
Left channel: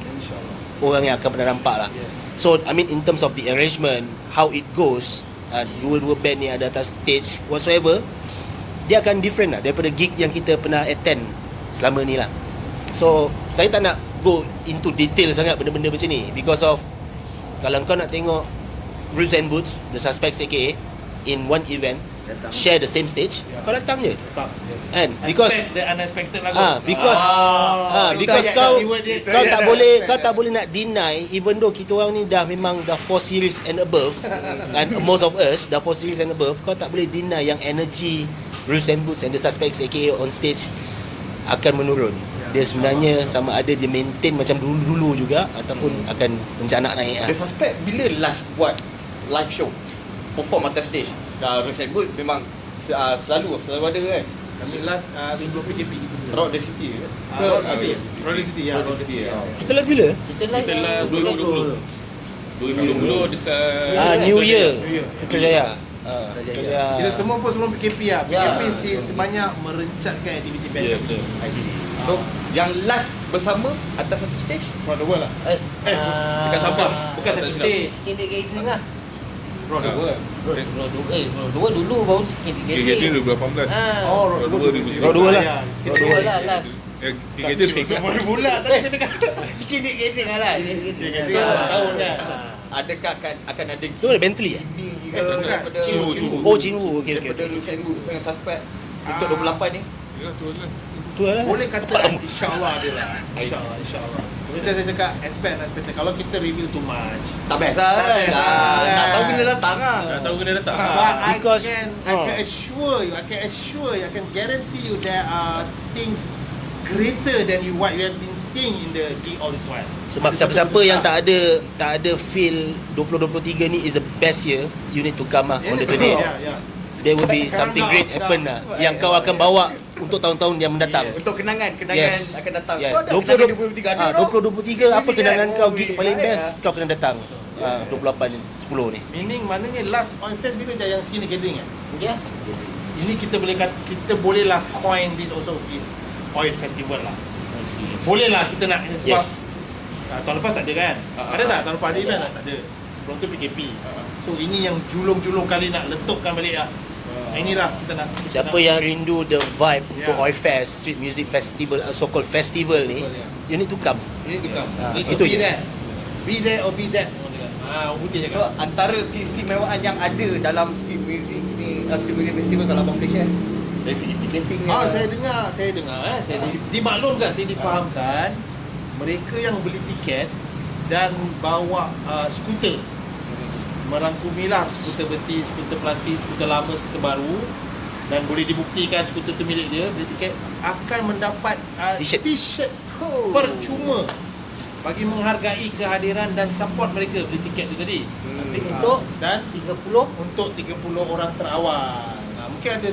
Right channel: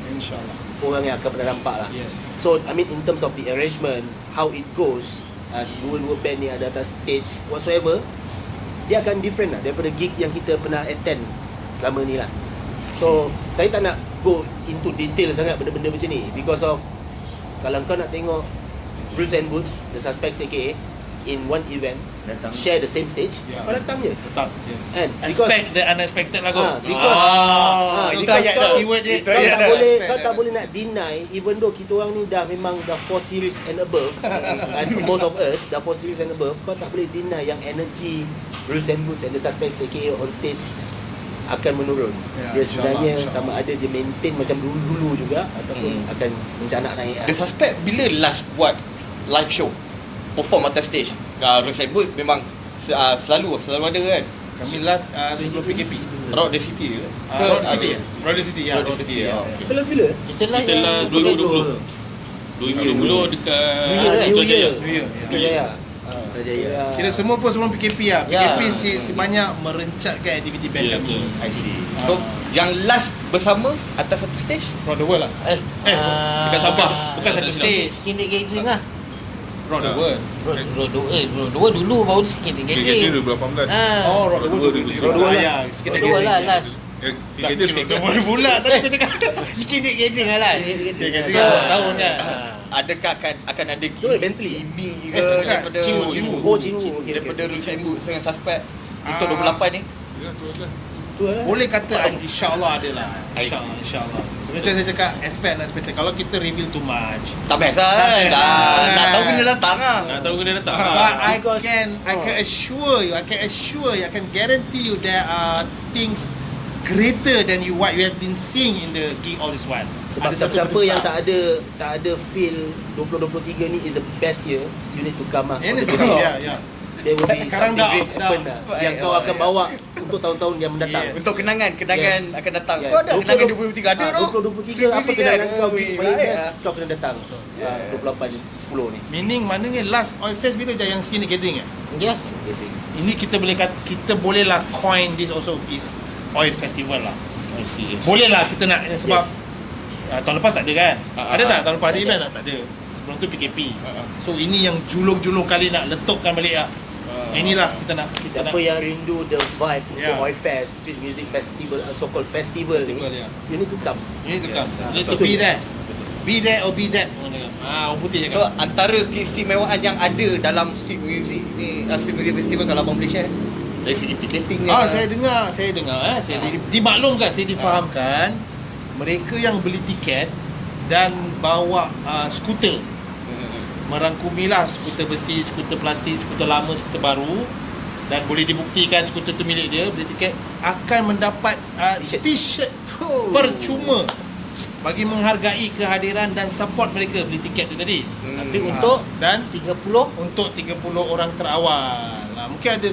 orang yang akan pernah nampak lah. Yes. So in terms of the arrangement, how it goes, dua-dua band ni ada atas stage whatsoever, dia akan different lah daripada gig yang kita pernah attend selama ni lah. So saya tak nak go into detail sangat benda-benda macam ni, because of kalau kau nak tengok Rusembud, the Suspects AKA in one event, share the same stage, kau datang je Tak. kan, because Expect the unexpected lah. because itu kau yang- kau tak boleh nak deny, even though kita orang ni dah memang dah 4 series and above and most of us dah 4 series and above, kau tak boleh deny yang energy Rusembud and the Suspects AKA on stage akan menurun. Ya, Dia sebenarnya insyaAllah. sama ada dia maintain macam dulu-dulu juga ataupun akan rencana naik lah. The Suspect bila last buat live show? perform atas stage. Resemble memang selalu ada kan. Kami last sebelum PKP. Rock the City ke? Rock the City. Rock the City ya. Rock the City, ya. Kita last bila? Kita Kita lah 2020. 2020 dekat New Year. Ya. Kerjaya. Kira semua pun sebelum PKP lah. Ya. PKP sebanyak merencatkan aktiviti band Ya, kami. betul. I see. So, yang last bersama atas satu stage? Rock the World lah. Bukan Sabah. Bukan Tak satu silap. stage. Skin gathering lah. Rock the World. Dua dulu baru skin KKJ gathering. 2018. Oh, Rock the World. Rock the World Ya, sikit Dua lah last. KKJ sekarang. Baru bulat tadi kita cakap. Skin gathering lah. Tahun dah. Adakah akan ada Tu ada Bentley. gimmick ke Bukan. daripada Cinwu. Oh, Cinwu. Okey. daripada Luciano dengan suspek untuk 28 ni? Ya, tu lah. Tu lah. Boleh kata insya-Allah ada lah. Insya-Allah. Macam saya cakap expect. Kalau kita reveal too much. Tak best lah Tak kan? best Dah, lah. nak tahu bila datang lah. Nak tahu kena datang. But I Because- can assure you, I can guarantee you there are things greater than what you have been seeing in the gig all this while. Sebab Ada siapa-siapa satu yang besar. tak ada feel 2023 ni is the best year, you need to come lah. Ya, on the betul. 20. Ya, ya. There will be Sekarang something dah- great happen dah- lah yang kau akan bawa untuk tahun-tahun yang mendatang. Yes. Untuk kenangan Yes. akan datang. Yes. Kau ada kenangan 2023 ada tau. 2023 apa kenangan kau paling Ada. best kau kena datang. 28 ni, 10 ni. Meaning maknanya last Oil Fest bila je yang skinny gathering ya? Ya. Ini kita boleh kata, kita bolehlah coin this also is Oil Festival lah. Bolehlah kita nak sebab Yes. tahun lepas tak ada kan? Ada tak tahun lepas ada Tak event ada. tak? Tak ada. Sebelum tu PKP. So ini yang julung-julung kali nak letupkan balik lah. Inilah kita nak. Siapa yang rindu the vibe untuk Ya. Oi Fest, Street Music Festival, so-called festival ni, Festival, ya. you need to come. Ini tu kan. Need to itu be je. there. Be there or be that. Orang putih So cakap. antara keistimewaan yang ada dalam street music ni, street music festival kalau abang boleh share? Dari segi ticketing ni. Saya dengar saya dimaklumkan, saya difahamkan mereka yang beli tiket dan bawa skuter, merangkumilah skuter besi, skuter plastik, skuter lama, skuter baru, dan boleh dibuktikan skuter tu milik dia, beli tiket akan mendapat t-shirt percuma bagi menghargai kehadiran dan support mereka beli tiket tu tadi. Tapi untuk Dan 30 untuk 30 orang terawal. Mungkin ada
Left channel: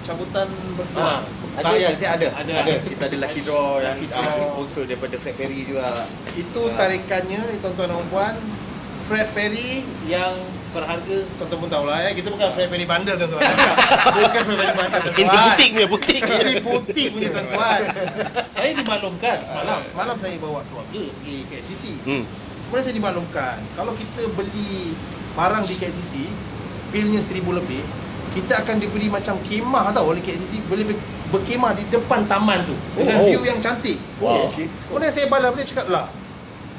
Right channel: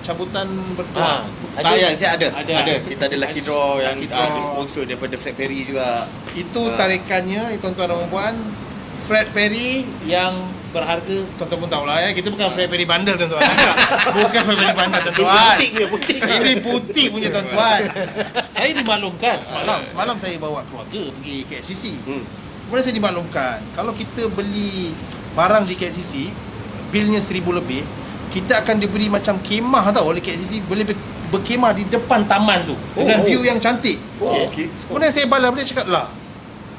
cabutan bertuah. Tak ya, saya ada. Ada. Kita ada lucky draw yang Lucky draw. disponsor daripada Fred Perry juga. Itu tarikannya tuan-tuan dan puan. Fred Perry yang berharga, tuan-tuan pun tahu lah ya, kita bukan Fred Perry bandar tuan-tuan. Bukan Fred Perry bandar Ini tuan-tuan. butik punya, butik. Ini butik punya tuan-tuan. Saya dimaklumkan semalam saya bawa keluarga pergi KLCC. Kemudian saya dimaklumkan kalau kita beli barang di KLCC, bilnya 1,000 lebih, kita akan diberi macam kemah tau oleh KLCC, boleh berkemah di depan taman tu dengan view yang cantik. Kemudian saya balas dia cakap lah,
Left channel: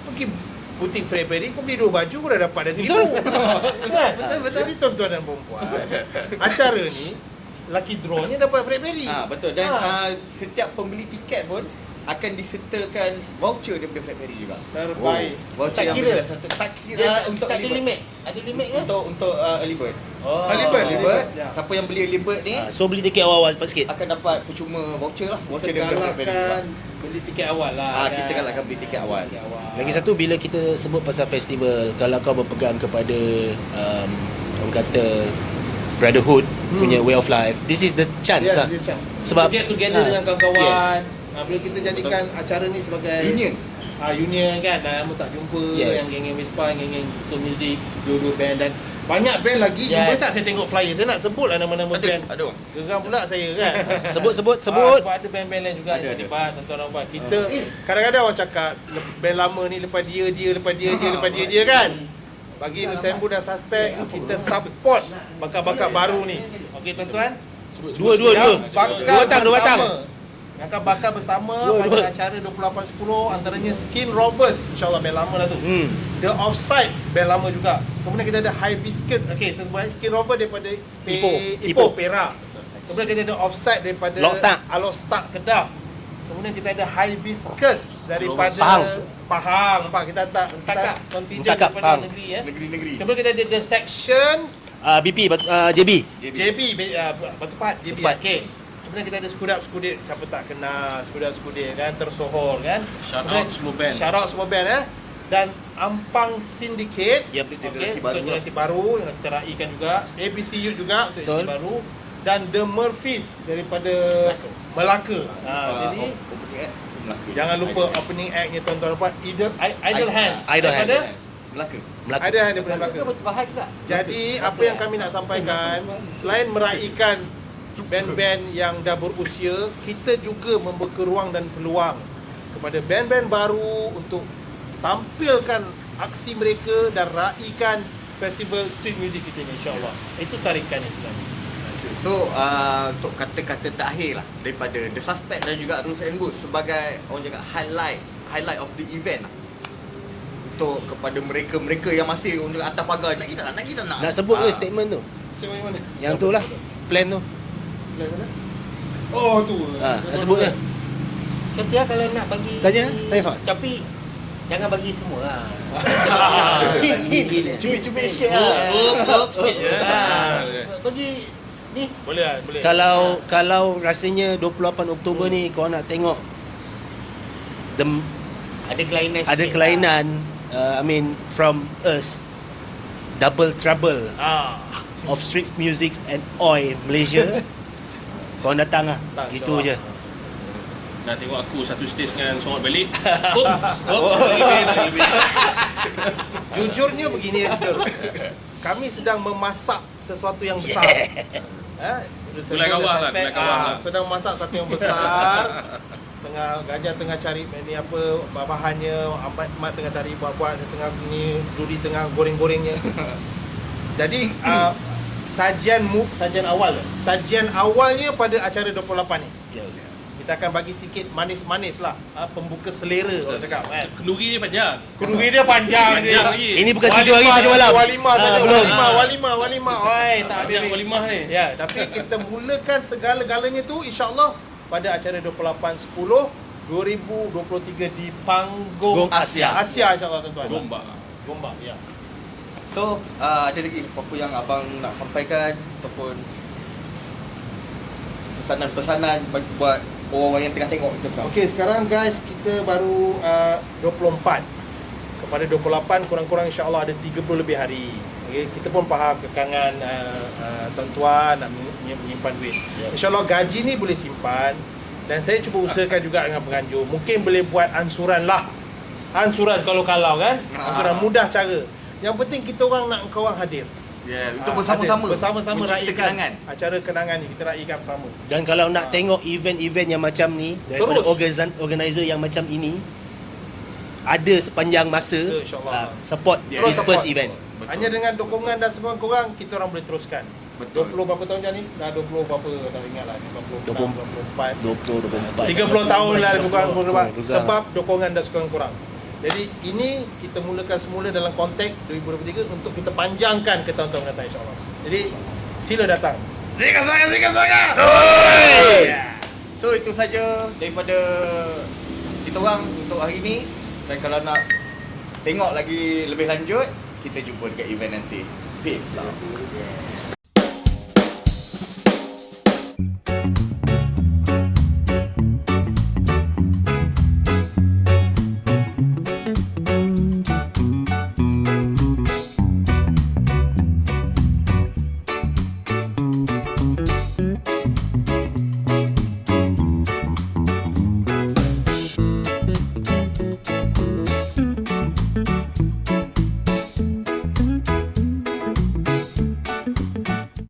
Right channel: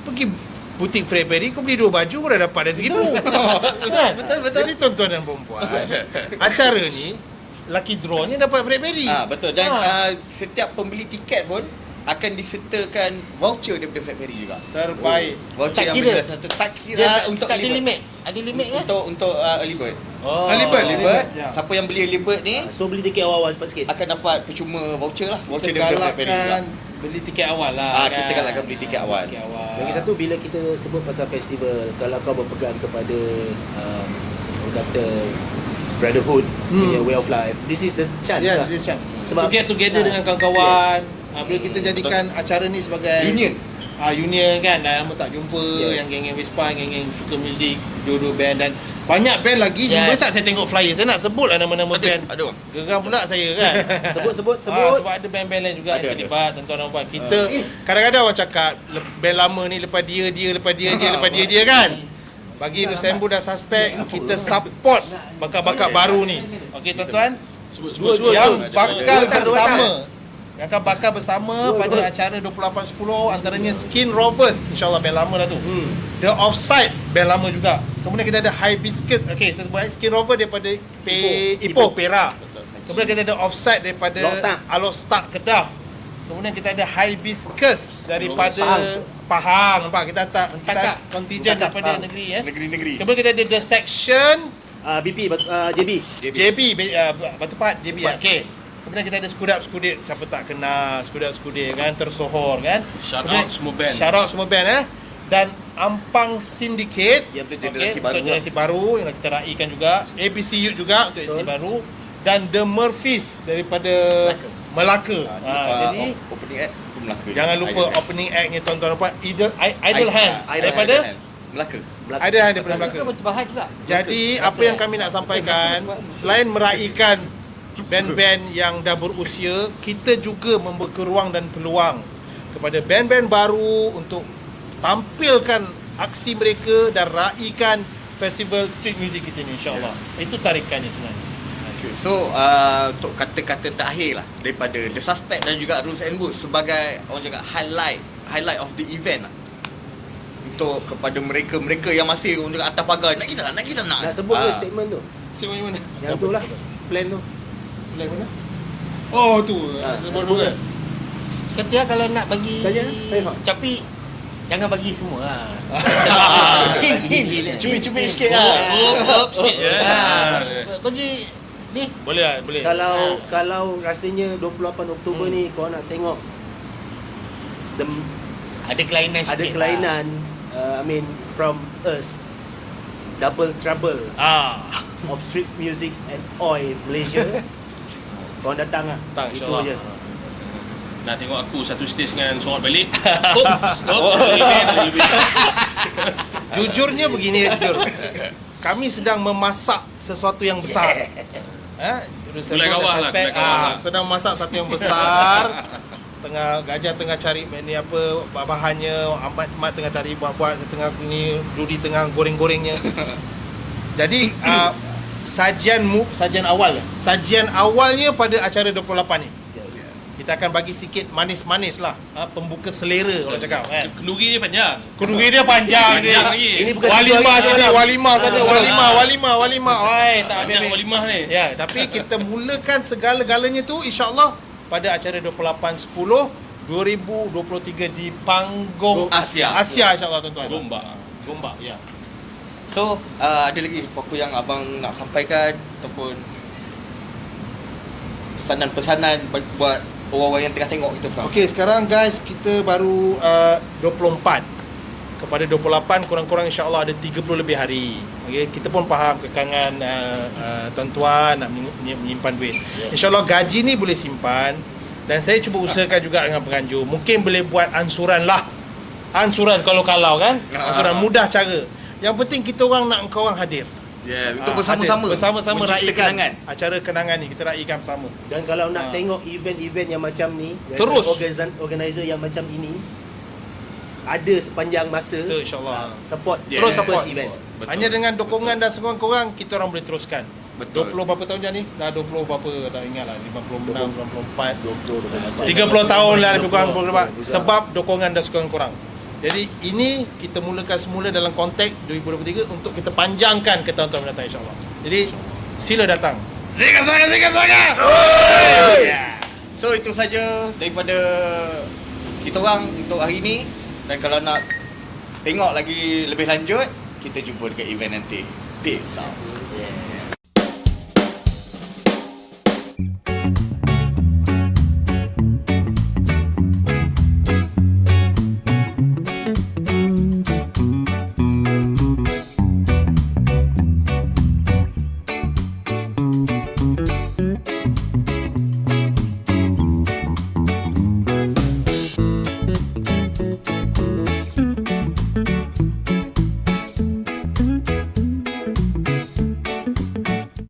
pergi butik Fred Perry, kau beli 2 baju, kau dah dapat dari segitu. Kan? Betul. Jadi tuan-tuan dan perempuan, acara ni lucky draw-nya dapat Fred Perry. Betul. Dan setiap pembeli tiket pun akan disertakan voucher daripada Fred Perry juga. Terbaik. Voucher Tak yang kira. berbeza satu. Tak kira dia untuk tak ada early bird. limit. Ada limit ke? Untuk early bird. Oh. Early bird. Bird, Ya. siapa yang beli early bird ni So beli tiket awal-awal cepat sikit. akan dapat percuma voucher lah. Voucher Kita daripada Fred Perry juga. galakkan beli tiket awal lah. Kita galakkan beli tiket awal. Lagi satu, bila kita sebut pasal festival, kalau kau berpegang kepada orang kata brotherhood punya way of life, this is the chance Ya, lah. this chance. Sebab Get together dengan kawan-kawan. Yes. Bila kita jadikan acara ni sebagai Union. Union kan, dah lama tak jumpa. Yes. Yang geng-geng Vespa, geng-geng suka muzik, dua-dua band, dan banyak band lagi. Yes. Boleh tak saya tengok flyer? Saya nak sebut lah nama-nama band. Ada. Geram pula saya kan. sebut. Sebab ada band-band lain juga Ada, yang ada. terlibat, tuan-tuan dan puan. Kita kadang-kadang orang cakap band lama ni lepas dia lepas dia kan. Bagi Nusembu dan Suspek, kita support bakat-bakat baru ni. Okey tuan-tuan. Dua. Yang bakal Dua batang. bersama. Yang akan bakal bersama pada acara 28.10 antaranya Skin Rovers, insyaAllah band lama lah tu. The Offside, band lama juga. Kemudian kita ada Hibiscus, okey, kita buat Skin Rover daripada Ipoh, Perak. Kemudian kita ada Offside daripada Alostak, Kedah. Kemudian kita ada Hibiscus daripada Pahang. Nampak, kita tak kontijen Cakap, daripada Pahang. negeri ya. Negeri-negeri. Kemudian kita ada The Section BP, JB. JB, Batu Pahat, JB. Okey. Kemudian kita ada Skudap-Skudit, siapa tak kenal Skudap-Skudit kan, tersohor kan. Shout out semua band. Shout out semua band dan Ampang Syndicate, Ya, betul, okey, generasi baru untuk generasi baru yang kita raikan juga. ABCU juga untuk generasi baru, dan The Murphys daripada Melaka. Jadi opening act Melaka. jangan lupa opening act-nya tuan-tuan dan puan, Idle Hand daripada Melaka. Idle Hand daripada Melaka ke Melaka. Batu Pahat juga? Jadi apa yang kami nak sampaikan, selain meraikan band-band yang dah berusia, kita juga membuka ruang dan peluang kepada band-band baru untuk tampilkan aksi mereka dan raikan festival street music kita ni, insyaAllah. Itu tarikannya sebenarnya. So untuk kata-kata terakhir lah daripada The Suspect dan juga Rules and Boots sebagai orang cakap highlight of the event lah, untuk kepada mereka yang masih orang cakap atas pagar, nak kita nak Nak sebut ke statement tu? Siapa yang mana? Yang tu lah, plan tu. Dan mana? Oh tu. Nak sebut ke? Kata kalau nak bagi Tanya, Hot. tapi jangan bagi semua lah. Cubit-cubit sikit Up sikit ya. Bagi ni Boleh lah, boleh. Kalau rasanya 28 Oktober ni kau nak tengok ada kelainan sikit. ada kelainan, I mean from us, double trouble of street music and oi in Malaysia. Kau datang lah. Tak, Itu insyaAllah. je. Nak tengok aku satu stage dengan sorot balik. Jujurnya begini, kami sedang memasak sesuatu yang besar. Gulai kawah lah, gulai kawah lah. Sedang memasak sesuatu yang besar. Gajah tengah cari ni apa bahannya, Ahmad tengah cari buah-buah, tengah ni Rudy tengah goreng-gorengnya. Jadi sajian awalnya pada acara 28 ni. Kita akan bagi sikit manis-manis lah, pembuka selera orang cakap kan. Kenduri dia panjang. Kenduri dia panjang dia. lagi. Ini bukan Walimah. Oi, tak Ambil yang walimah ni. Ya, tapi kita mulakan segala-galanya tu insya-Allah pada acara 28/10/2023 di panggung Asia. insya-Allah tuan-tuan. Gombak, ya. So ada lagi apa yang abang nak sampaikan ataupun pesanan-pesanan buat orang-orang yang tengah tengok kita sekarang? Okey, sekarang guys kita baru 24. Kepada 28 kurang-kurang insya-Allah ada 30 lebih hari. Okey, kita pun faham kekangan tuan-tuan nak menyimpan duit. Insya-Allah gaji ni boleh simpan, dan saya cuba usahakan juga dengan penganjur. Mungkin boleh buat ansuran lah. Ansuran kalau kan. Ansuran mudah cara. Yang penting kita orang nak engkau orang hadir. Ya, untuk bersama-sama Bersama-sama mencipta raikan acara kenangan ni. Kita raikan bersama. Dan kalau nak tengok event-event yang macam ni, Terus. organizer yang macam ini ada sepanjang masa, InsyaAllah. support Yeah, this support. first event. Betul. Hanya dengan dukungan dan sokongan korang, kita orang boleh teruskan. Betul. 20 berapa tahun dah ni? Dah 20 berapa, dah ingat lah, 56, 24 20 30 tahun lah lebih kurang sebab dukungan dan sokongan korang. Jadi ini kita mulakan semula dalam konteks 2023 untuk kita panjangkan ke tahun-tahun mendatang insyaAllah. Jadi sila datang. Sikat sangat. So itu saja daripada kita orang untuk hari ini, dan kalau nak tengok lagi lebih lanjut, kita jumpa dekat event nanti. Peace out.